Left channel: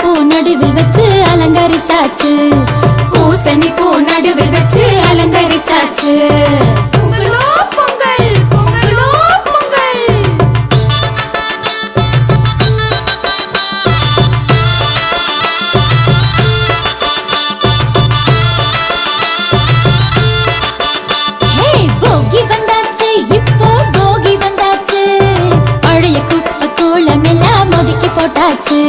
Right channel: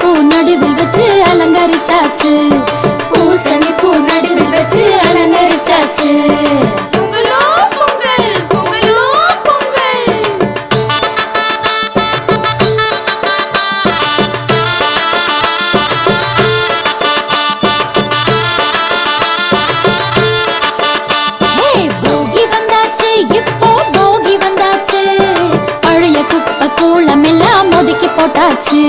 பூ நடுவில் வச்சு அலங்கரிச்சாச்சு. பூசணி பூ நடுவில் வச்சு அலங்கரிச்சாச்சு. பொங்கலோ பொங்கல், பொங்கலோ பொங்கல். போகி வந்தாச்சு, இப்போ போகி வந்தாச்சு. பழைய குப்பை கோலம் எல்லாம் ஒதுக்கி போட்டாச்சு.